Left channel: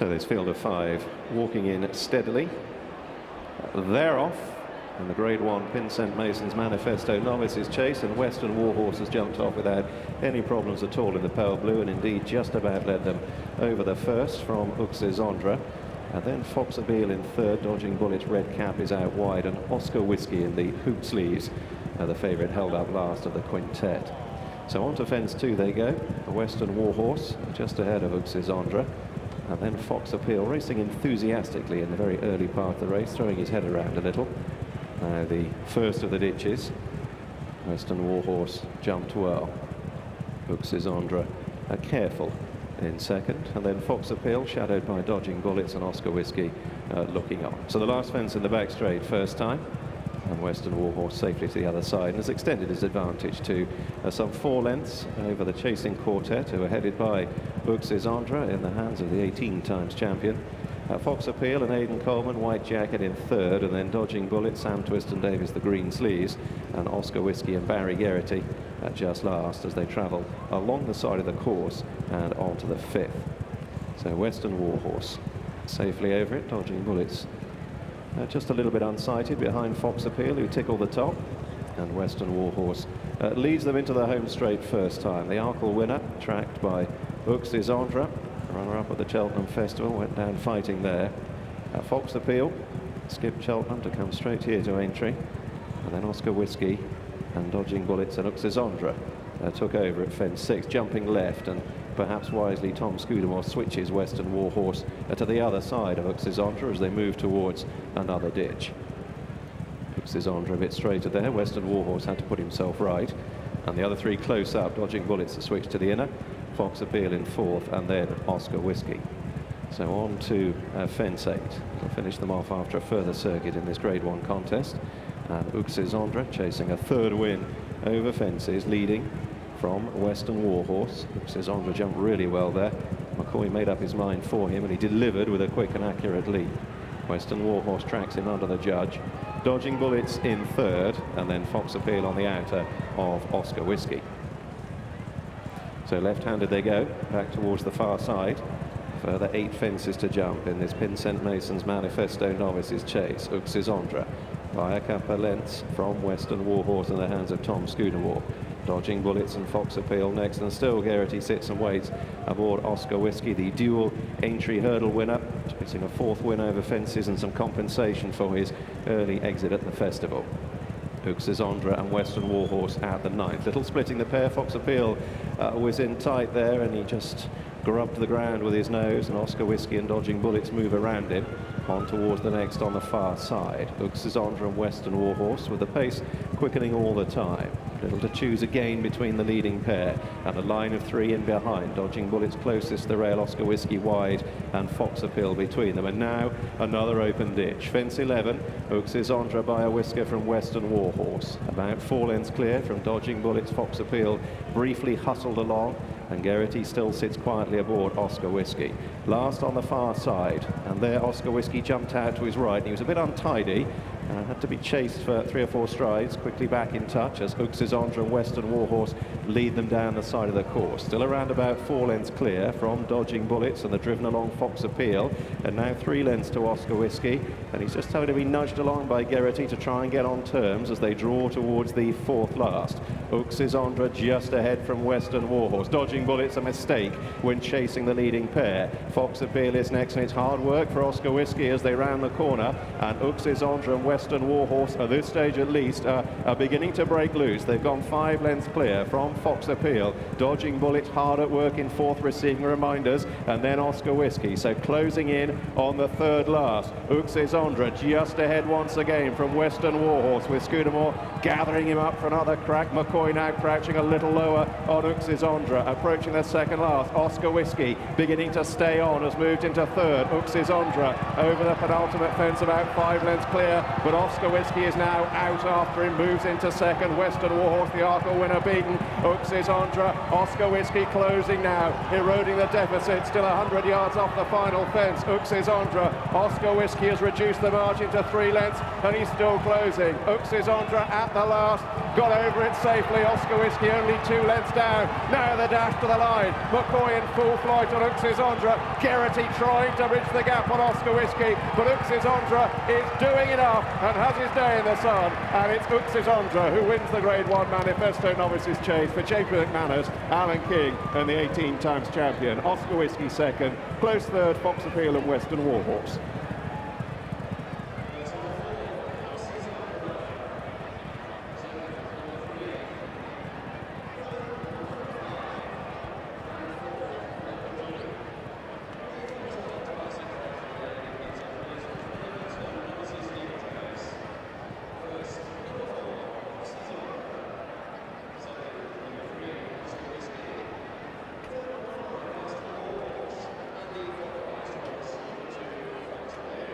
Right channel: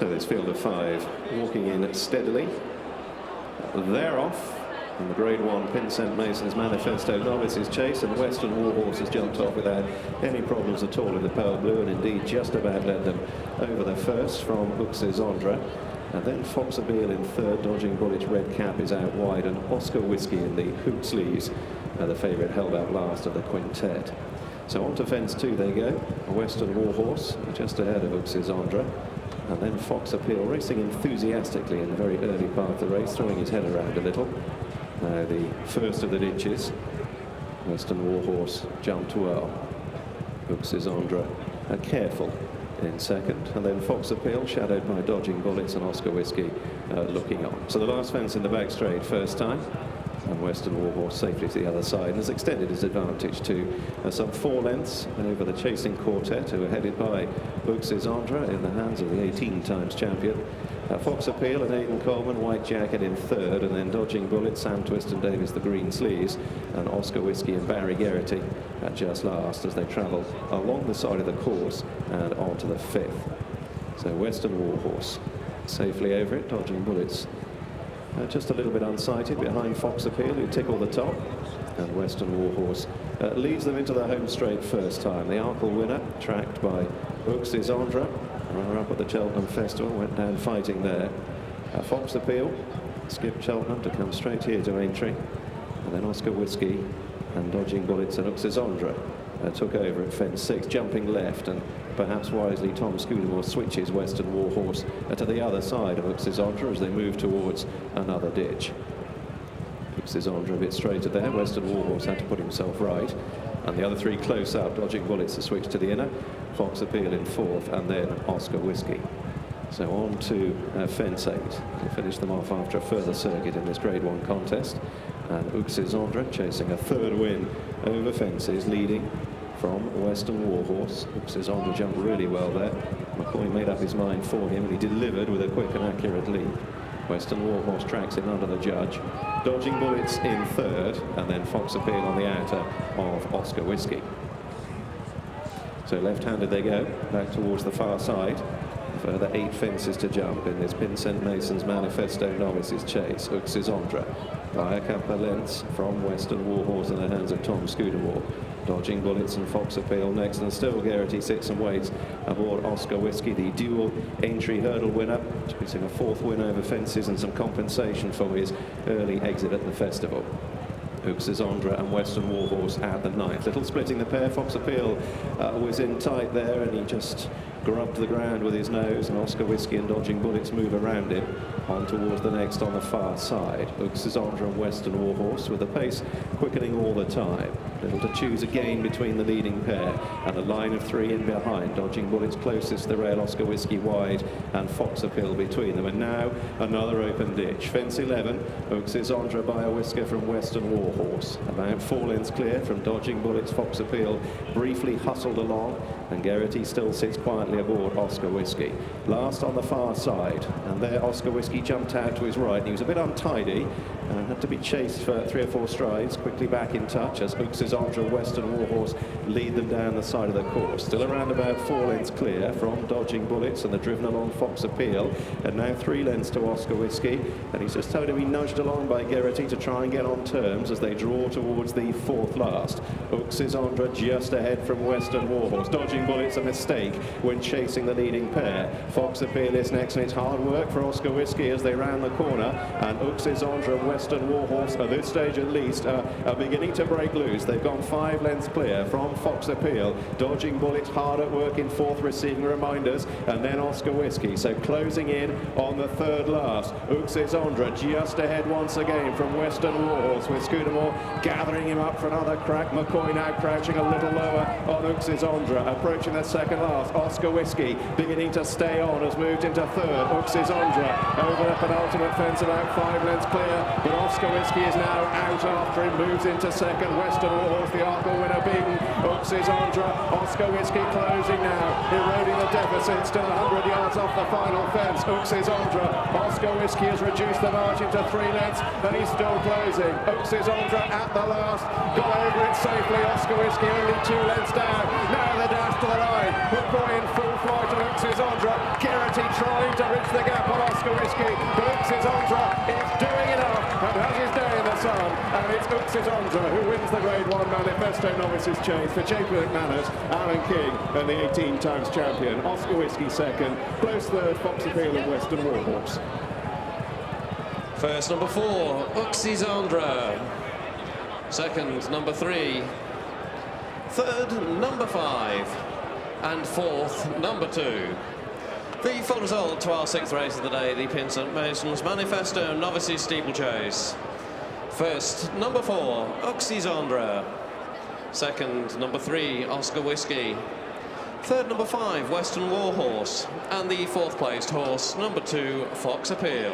So this field of 5 walking in steadily. They're off. And the Grade 1 Pinsent Mason's Manifesto Novices chase, and Western Warhorse has jumped off without any problems at all in the pale blue, and indeed just about led them over the first from Uxizandre. And then Fox Appeal in third, Dodging Bullet's red cap is out wide, and Oscar Whiskey in the hoop sleeves, the favourite held out last of the quintet. So on to fence 2 they go. The Western Warhorse just ahead of Uxizandre. And then Fox Appeal racing enthusiastically in the very early part of the race, throwing his head around a little. Now the first of the ditches, Western Warhorse jumped well. Uxizandre careful in second, and then Fox Appeal shadowed by Dodging Bullets and Oscar Whiskey looking on. So the last fence in the back straight first time, and Western Warhorse safely to the other side, and has extended his advantage to some 4 lengths over the chasing quartet, who are headed by Uxizandre in the hands of the 18 times champion. Fox Appeal and Aidan Coleman, white jacket in third, and then Dodging Bullets, Sam Twiston Davis, the green sleeves, and Oscar Whiskey and Barry Geraghty just last as they travel along the side of the course and on to the 5th. So Western Warhorse safely over it, Dodging Bullets just a little bit unsighted behind Fox Appeal, who tickle the top, and Western Warhorse leads them into the home straight first time. The Arkle winner, tracked by Uxizandre, runner-up at the Cheltenham Festival, went down fighting there. Fox Appeal skipped Cheltenham to come straight here to Aintree, and then Oscar Whiskey and Dodging Bullets and Uxizandre took over at fence 6, jumping left, and perhaps wisely Tom Scudamore switches Western Warhorse to the other side of Uxizandre as they move towards another ditch. Uxizandre a bit straighter there. Western Warhorse had to put himself right, and the other 3 close up. Dodging Bullets to switch to the inner, Fox Appeal in 4th, and then Oscar Whiskey. So on to fence 8 to finish them off after a further circuit in this Grade 1 contest. And Uxizandre chasing a 3rd win over fences, leading from Western Warhorse. Uxizandre jumped really well there. McCoy made up his mind for him, and he delivered with a quick and accurate lead. Western Warhorse tracks him under the judge. Dodging Bullets in 3rd, and then Fox Appeal on the outer of Oscar Whiskey. So left-handed they go, back towards the far side. Further 8 fences to jump in this Pinsent Mason's Manifesto Novices chase. Uxizandre by a couple of lengths from Western Warhorse in the hands of Tom Scudamore. Dodging Bullets and Fox Appeal next, and still Geraghty sits and waits aboard Oscar Whiskey, the dual Aintree hurdle winner, chasing a 4th win over fences and some compensation for his early exit at the festival. Uxizandre and Western Warhorse at the 9th. Little splitting the pair. Fox Appeal was in tight there, and he just grubbed the ground with his nose, and Oscar Whiskey and Dodging Bullets move around it on towards the next on the far side. Uxizandre and Western Warhorse with the pace quickening all the time. Able to choose again between the leading pair, and a line of 3 in behind. Dodging Bullets closest to the rail, Oscar Whiskey wide, and Fox Appeal between them. And now another open ditch. Fence 11, Uxizandre by a whisker from Western Warhorse. About 4 lengths clear from Dodging Bullets. Fox Appeal briefly hustled along, and Geraghty still sits quietly aboard Oscar Whiskey. Last on the far side, and there Oscar Whiskey jumped out to his right. He was a bit untidy and had to be chased for 3 or 4 strides, quickly back in touch as Uxizandre and Western Warhorse lead them down the side of the course. Still around about 4 lengths clear from Dodging Bullets, and they're driven along Fox Appeal, and now 3 lengths to Oscar Whiskey, and he's just having to be nudged along by Geraghty to try and get on terms as they draw towards the 4th last. Uxizandre just ahead from Western Warhorse. Dodging Bullets a mistake when chasing the leading pair. Fox Appeal is next, and it's hard work for Oscar Whiskey as they round the corner, and Uxizandre and Western Warhorse, at this stage at least, are beginning to break loose. They've gone 5 lengths clear from Fox Appeal. Dodging Bullets hard at work in 4th, receiving reminders, and then Oscar Whiskey. So closing in on the 3rd last. Uxizandre just ahead once again from Western Warhorse, with Scudamore gathering him up for another crack. McCoy now crouching a little lower on Uxizandre, approaching the 2nd last. Oscar Whiskey beginning to stay on, has moved into 3rd. Uxizandre over the penultimate fence, about 5 lengths clear. but Oscar Whiskey is now out after him, moves into second. Western Warhorse, the Arkle winner, beaten. Uxizandre, Oscar Whiskey closing now, eroding the deficit, still 100 yards off the final fence. Uxizandre, Oscar Whiskey has reduced the margin to 3 lengths, and he's still closing. Uxizandre at the last, got over it safely. Oscar Whiskey only 2 lengths down. Now the dash to the line. McCoy in full flight on Uxizandre. Garrity trying to reach the gap on Oscar Whiskey, but Uxizandre is doing it up and has his day in the sun. And it's Uxizandre who wins the Grade 1 Manifesto Novices Chase. The champion Manners, Alan King, and the 18 times champion Oscar Whiskey second. Close third, Fox Appeal and Western Warhorse. First, number 4, Uxizandre. Second, number 3. Third, number 5. And fourth, number 2. The full result to our 6th race of the day, the Pinsent Masons Manifesto Novices Steeplechase. First, number 4, Uxizandre. Second, number 3, Oscar Whiskey. Third, number 5, Western Warhorse. And the 4th placed horse, number 2, Fox Appeal.